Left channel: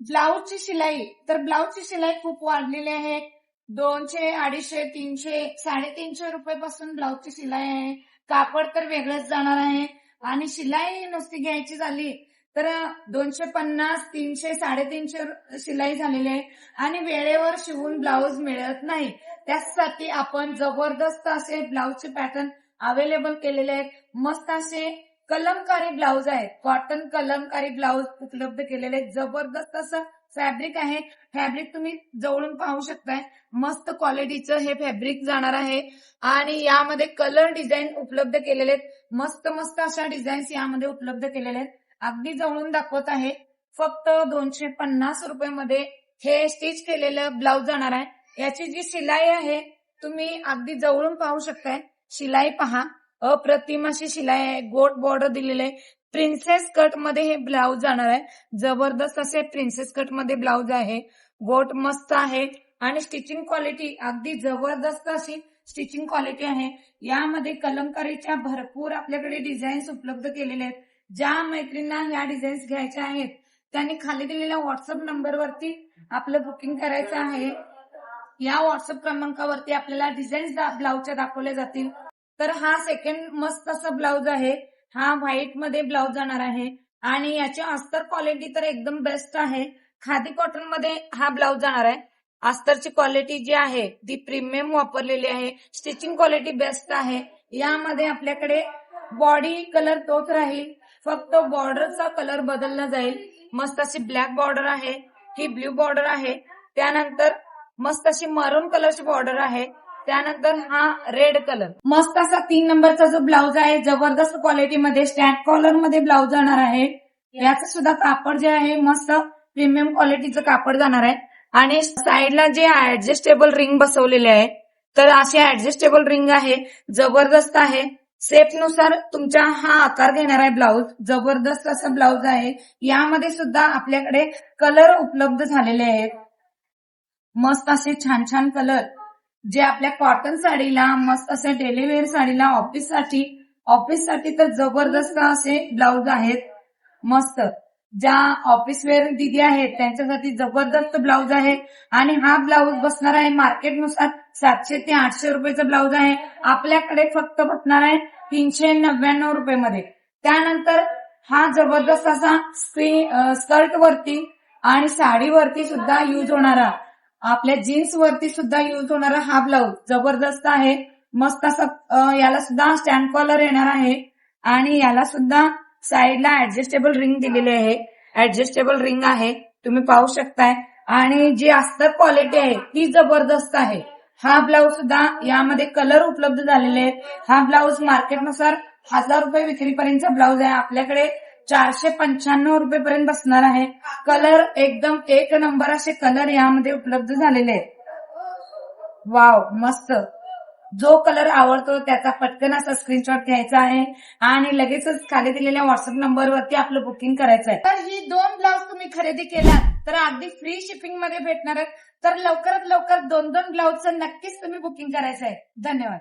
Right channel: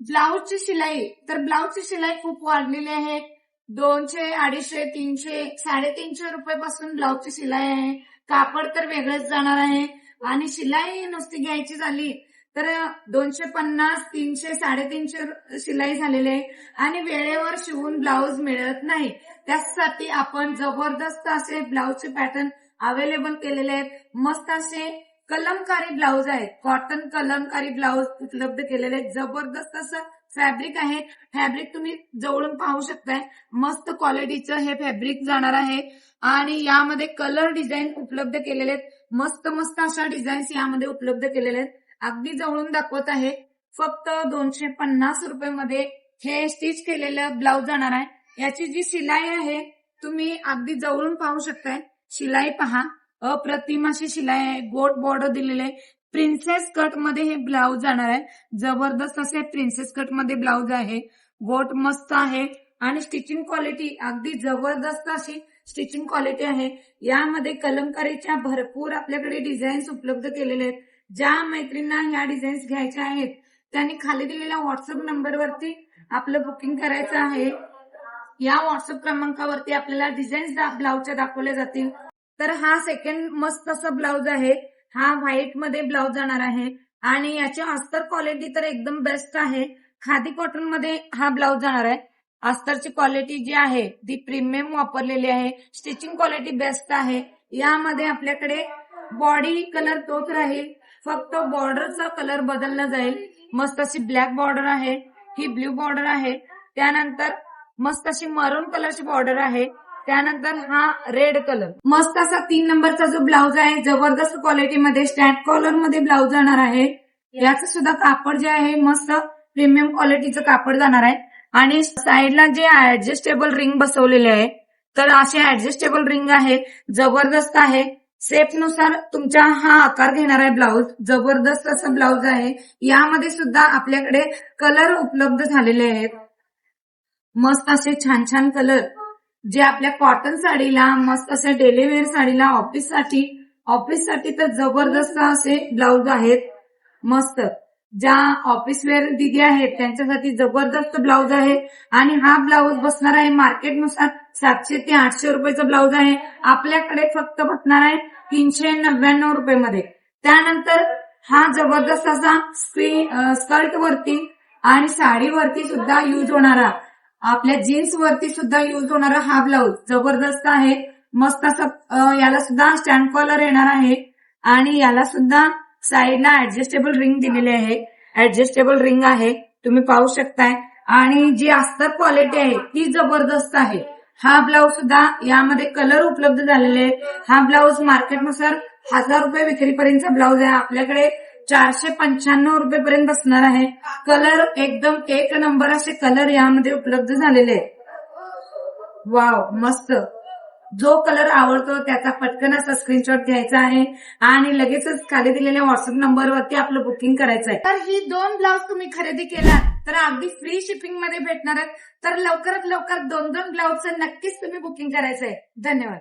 ब्लाऊजची शिलाई, तर ब्लाऊजची शिलाई खूप वाढलेली आहे. 200, 250, 300, 350 रुपयापासून ब्लाऊजची शिलाई आहे. कापड तर वेगळंच जाणार आहे आणि शिलाई नुसती घ्यायची झाली तर 250, 300, 350 शिलाई झालेली आहे आणि वेळेवर शिवून ब्लाऊज मिळत नाही. त्यासाठी आपण जबरदस्त असे ब्लाऊजचे पॅटर्न अवेलेबल केलेले आहेत. मस्त असे कलमकारी ब्लाऊज आहेत, कॉटन कलमकारी ब्लाऊज उपलब्ध केलेले आहेत. जबरदस्त असं फॅब्रिक आहे. फॅब्रिक तुम्ही जवळून पाहू शकताय. मस्त क्वालिटीचं हे फॅब्रिक जाणार आहे आणि यामध्ये कलर डिझाईन उपलब्ध केलेले आहेत. मस्त मस्त अशा डिझाईन्स यामध्ये उपलब्ध केलेले आहेत. अगदी जवळून दाखवत आहे. फक्त 250 रुपयामध्ये हे स्टिच केलेलं ब्लाऊज जाणार आहे. याची जी शिलाई आहे तुम्ही अगदी जवळून पाहू शकताय. शिलाई पहा, अप्रतिम अशी शिलाई आहे. गोट बॉर्डर दिलेले आहे. प्रिन्सेस कट मध्ये हे ब्लाऊज जाणार आहे. जबरदस्त असे प्रिन्सेस कट मध्ये ब्लाऊज आहे. गोट मस्त आहे आणि स्टिचिंग क्वालिटी अगदी जबरदस्त अशी स्टिचिंग क्वालिटी आहे. यामध्ये कलमकारीच्या भरपूर आपल्याकडे डिझाईन्स उपलब्ध केलेले आहेत. ज्या मैत्रिणींना ह्या डिझाईन्स घ्यायच्या आहेत त्यांनी खाली दिलेल्या व्हॉट्सअप नंबरवरती आपलं बुकिंग करायचं आहे. या व्हॉट्सअप क्रमांकावरती आपल्याला डिझाईन्स ब्लाऊजच्या दाखवल्या जातील. तर हा सेकंड मस्त असा ब्लाऊज आहे. हा व्हाईट मध्ये ब्लाऊज जाणार आहे आणि याची अस्तर क्वालिटी तर एकदम बेस्ट आहे. खादी कॉटन मध्ये हा ब्लाऊज जाणार आहे. अस्तरची क्वालिटी जी आहे ती प्रीमियम वापरलेली आहे. स्टिचिंग क्वालिटी बेस्ट आहे. यामध्ये आपल्याकडे बॉडी कलर तोच राहील, फक्त बॉर्डरचा कलर बदलला जाईल. मस्त अशी ब्लॅक बॉर्डर आहे, ही ब्ल्यू बॉर्डर आहे, त्यानंतर मस्त अशी मरून कलरची बॉर्डर आहे, त्यानंतर हा रेड कलर. मस्त असा 3 नंबरचा जो ब्लाऊज आहे जबरदस्त क्वालिटीमध्ये स्टॅम्प कॉलर मध्ये ब्लाऊज जाणार आहे. याचं सुद्धा कापड जे आहे मस्त प्रीमियम क्वालिटीचं कापड जाणार आहे आणि साईडला जे ऍडजस्टेबल रिंग बसवलेले आहे तर असे ऍडजस्टेबल रिंग आहे. जबरदस्त आहे. शेप नुसार तुमचा हा आकार घेणार आहे ब्लाऊज. जबरदस्त असं ब्लाऊज आहे. यामध्ये सुद्धा आपल्याकडे कलर उपलब्ध झालेले आहेत. मस्त असे छान छान कलर जे आपल्या कॉटन साडीला, मस्त असे डेली वेअर साडीला, ऑफिससाठी तर जबरदस्त असे ब्लाऊज आहेत. मस्त ज्या ऑफिस वेअर दिदी आहेत त्यांच्यासाठी जबरदस्त ब्लाऊज आहे आणि हा ब्लाऊज बसणार आहे मार्केटनुसार 700 ते 800 रुपयाचा ब्लाऊज आहे. आपल्याकडे फक्त बसणार आहे 399 रुपयामध्ये. त्यानंतर हा जबरदस्त असा स्कर्ट वरती आणि साडीवरती सुद्धा यूज होणारा, आपल्या जीन्स वरती सुद्धा यूज होणारा हा ब्लाऊज जबरदस्त आहे. मस्त असं याला सुद्धा स्टँड कॉलर येणार आहे आणि याला सुद्धा साईडला ऍडजस्टेबल रिंग दिलेली आहे. ऍडजस्टेबल रिंग आहे, तुम्ही पाहू शकताय आणि जी अस्तर क्वालिटी आहे ती जबरदस्त आहे. हा ब्लाऊज सुद्धा यामध्ये कलर उपलब्ध झालेले आहेत. हा ब्लाऊज मार्केटनुसार 1000 रुपये विक्रीपर्यंतचा ब्लाऊज आहे. आपल्याकडे 495 रुपयेपर्यंत बसणार आहे. कलर एकदम एक नंबर असे कलर यामध्ये उपलब्ध झालेले आहेत. वाव, मस्त. जो कलर आवडतो त्याचा पटकन असा स्क्रीनशॉट घ्यायचा आहे आणि लगेचच खाली दिलेल्या व्हॉट्सअप नंबरवरती आपलं बुकिंग करायचं आहे. तर ही 2 ब्लाऊज तुम्ही खरेदी केला तर अगदी फ्री शिपिंग मध्ये भेटणार आहेत. तर लवकरात लवकर 2 ब्लाऊजचं नक्कीच तुम्ही बुकिंग करायचं आहे. धन्यवाद.